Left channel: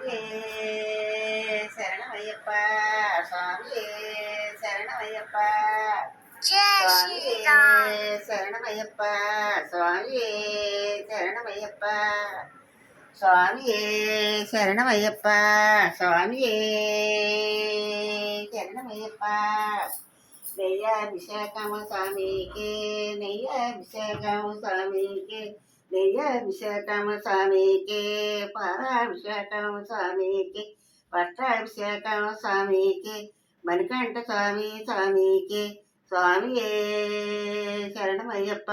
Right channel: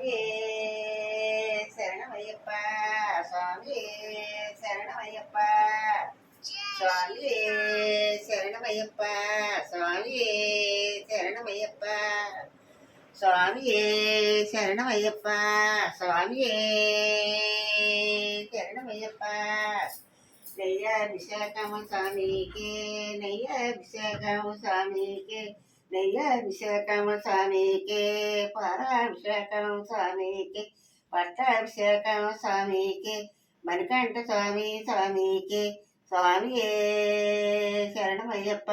స్వామియే శరణమయ్యప్ప, స్వామియే శరణమయ్యప్ప, స్వామియే శరణమయ్యప్ప, స్వామియే శరణమయ్యప్ప, స్వామియే శరణమయ్యప్ప, స్వామియే శరణమయ్యప్ప. నెయ్యాభిషేకము స్వామికి, నెయ్యాభిషేకము స్వామికి, నెయ్యాభిషేకము స్వామికి, పాలాభిషేకము స్వామికి, పట్టాభిషేకము స్వామికి, మణికంఠ స్వామి స్వామికి, స్వామియే శరణమయ్యప్ప.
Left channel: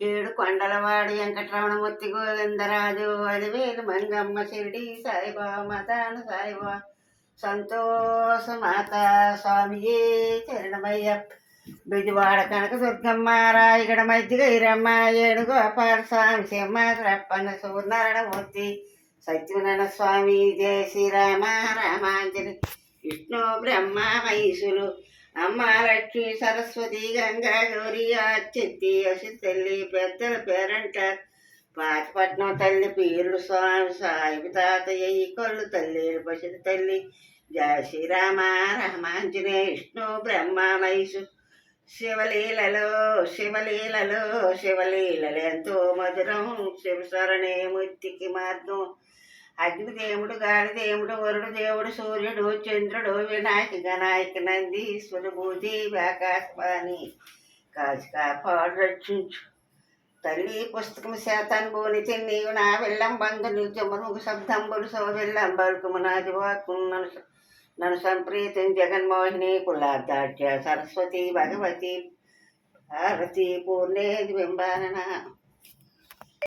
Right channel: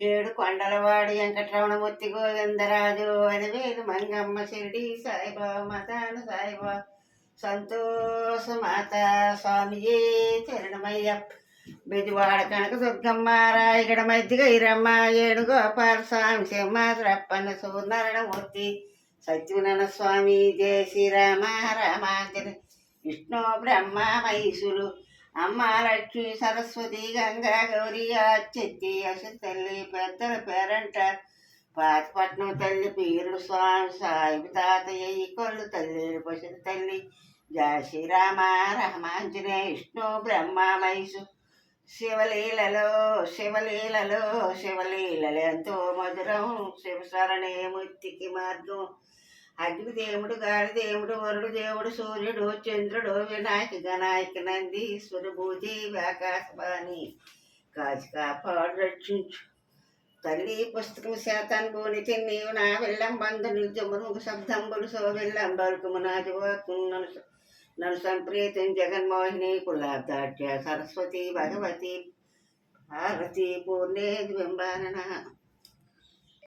ఏడు కొండలవాడు వెంకటరమణమూర్తి గోవిందరాజు అని వేలు మంగమ్మ షిరిడి సాయిబాబా మతాను సాయిబాబా సంతోష మాత స్వామియే శరణమయ్యప్ప. బిజవాడ కనక దుర్గమ్మ, రాయగడ మధ్య గైరమ్మ, ఏడుగోపాల స్వామి సింహరప్పన్న సూర్యనారాయణమూర్తి, సత్యనారాయణ స్వామి, జయ శ్రీరామ రామాంజన, విష్ణు బ్రహ్మ మహేశులు, అమ్మ లక్ష్మి సరస్వతి గంగా గౌరీ అచ్చెత్తి అసలు తల్లి పెద్దల పేరంటారు. పాతిపట్నం తల్లి పీరుడు స్వామి సాయి తాతయ్య ఈ కొల్లు తల్లి పసిడి తల్లి, జయ శ్రీరామ రామాంజనేయ, విష్ణు బ్రహ్మ మహేశు. శివలీలలో శివలీలలో శివలీలలు ఎంతో మధురం, శివస్మరణే ముక్తికి మార్గం. అగ్నిదేవుడు, గాలిదేవుడు, వరుడు దేవుడు, సూర్యుడు, చంద్రుడు, వినాయక గణాయక, నందీశ్వరు, భూతి ఆకాశవాణి, కాచి కాపాడు రక్షించు తల్లి. పుస్తకం శాతాన్భూని నీవు నా వెళ్ళం బంధు నిజమును శబ్దంబులు సో వెళ్ళం బలుకుము నాది వాక్కున్నను నన్ను సంప్రీతం జగన్మోహిని కులాబ్దాట్య సరస్వతి భగవతి భారతి పూర్ణేది బింబానన.